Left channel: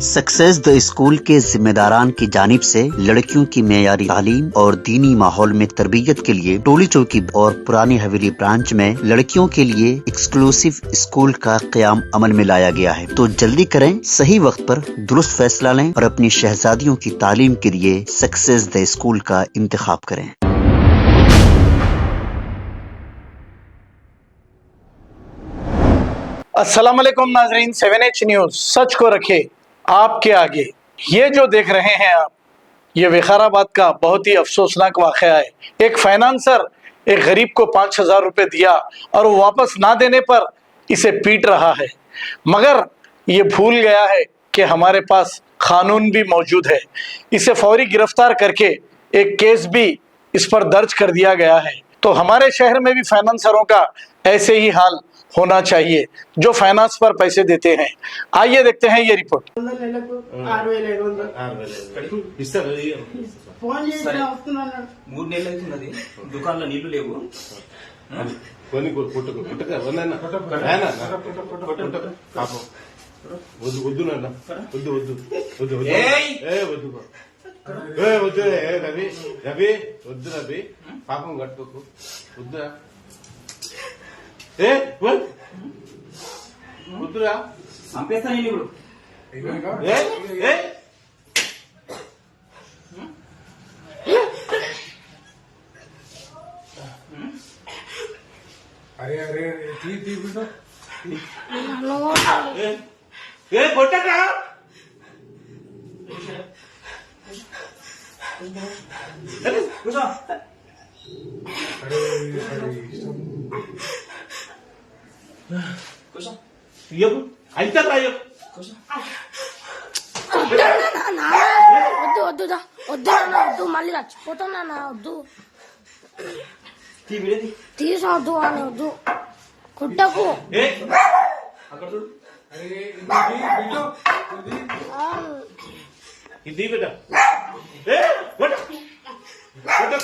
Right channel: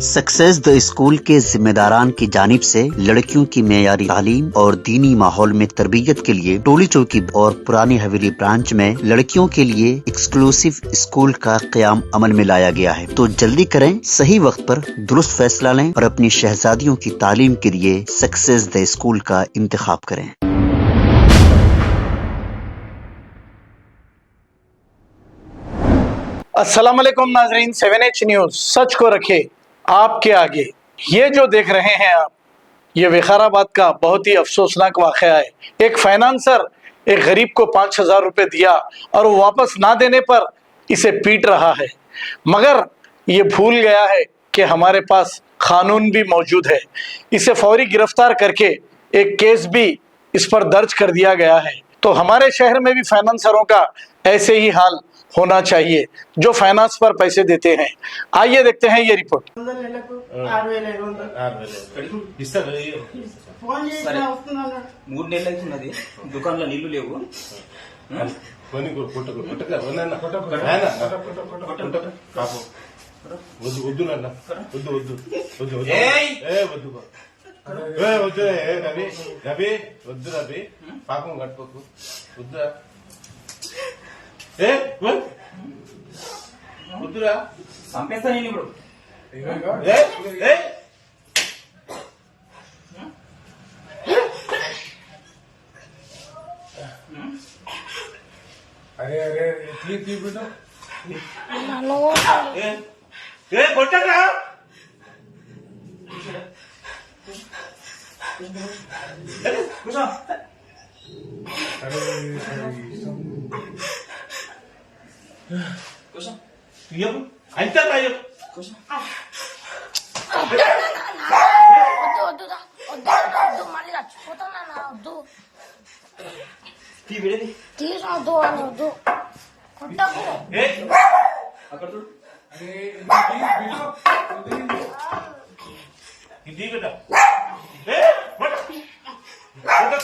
Success the school के जिम्मेदारान की जानिब से लड़कियों की मेयारी तालीम और दीनी माहौल में तरबियत के लिए टोली चौकी और पुरानी हवेली ब्रांच में लड़कियों के लिए एक्सक्लूसिव स्कूल का क़याम अमल में लाया गया है। तो जल्दी करें, सही वक्त पर दुरुस्त फैसला लें और अपनी शहजादियों की तालीम के लिए सक्सेस द स्कूल का इंतखाब करें। अस्सलाम वालेकुम नाजरीन, 7H न्यूज सच को रखे आपके आगे। ये जो देख रहे हैं आप, ये विकाराबाद का बहुत ही अफसोसनाक वाक़या है। एक फाइनेंसर एक गरीब को 5,000 रुपये दिया और वो वापस ना देने पर इसे पीट रहा है, मगर ये भूल गया है कि हमारे पास कानून भी मौजूद है। इसे फौरी गिरफ्तार करके एक केस भी इस पर दर्ज कर दिया गया है। तो हमारे शहर में भी फाइनेंसरों का ऐसे ही हाल होना चाहिए जो फाइनेंस पर पैसे देते हैं। आइए देखते हैं ये रिपोर्ट। దుకాణంలో నీళ్లు లేవు రవి వద్దు రవి పాపం కట్టుకోకు వద్దురా వద్దురా పంపేస్తా నేను ఇప్పుడు అరే అరే తీ బిడ్డ కొట్టరా కూర్చో అరే కూర్చో అయితే కూర్చో వద్దు మళ్ళీ చచ్చిపోతాను వద్దు తీసొద్దు అని వద్దు కుట్టకు అక్కడ చూడు ఇది కదా కొట్టక వద్దు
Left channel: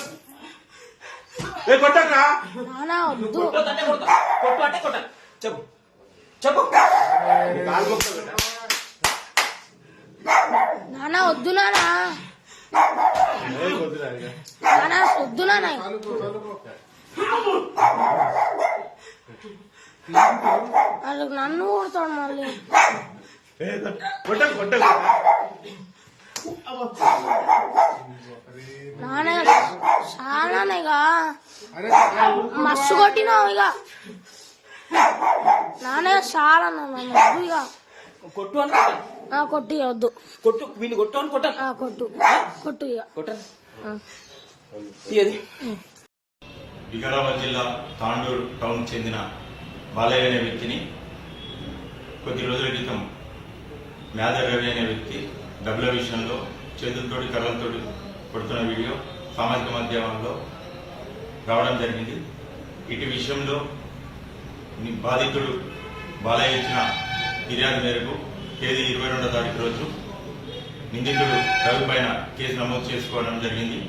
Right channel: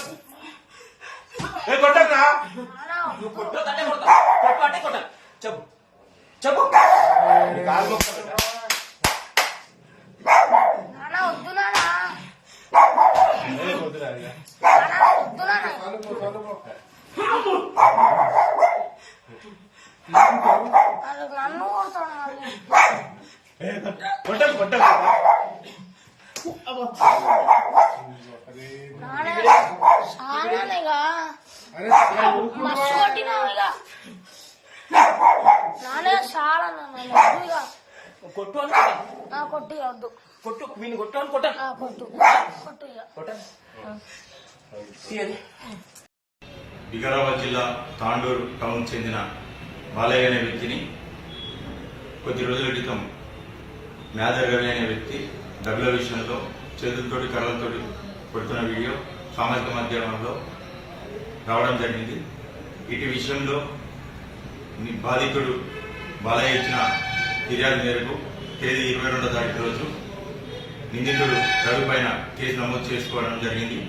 చెప్పు చెప్పు నాన్న వద్దు నాన్న వద్దు నాన్న నన్ను కొడతాడు మళ్ళీ నాన్న చాలానేగా మస్తు కొట్టినావు ఇక నాన్న చాలా వద్దు ఇక కొట్టు కొట్టి వద్దు కొట్టు వీని కొట్టు అని కొట్టు కొట్టు కొట్టు ఇక కొట్టు వికారాబాద్ జిల్లా తాండూరు టౌన్ చెందిన బాలయ్య అనే వ్యక్తిని కొద్ది రోజుల క్రితం మేదర్ రవి అనే వ్యక్తి డబ్బుల విషయంలో చేతులతోటి కర్రలతోటి కొడుతున్న వీడియో సామాజిక మాధ్యమాల్లో రావడం జరిగింది. ఇటు విషయంలో బాధితుడు బాలయ్య ఇచ్చిన ఫిర్యాదు మేరకు తేదీ 22వ తారీఖు రోజు నిందితుడు రవి పైన కేసు నమోదు చేసుకోవడం జరిగింది.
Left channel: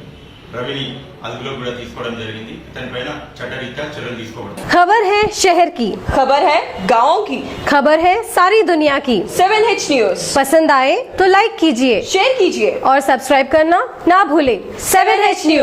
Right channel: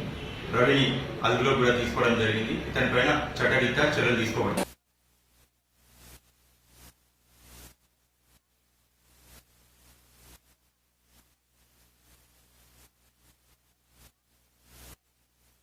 रवि अदुलो కూడా తీసుకోవడం జరిగింది. దానిపైన చట్టరీత్యా చర్యలు తీసుకోవడం. खबर है शहर की, खबर है गाँव की, खबर है सारी दुनिया की। 7H न्यूज पसंद आए तो लाइक कीजिए, शेयर कीजिए और सब्सक्राइब करना ना भूलें। 7H news.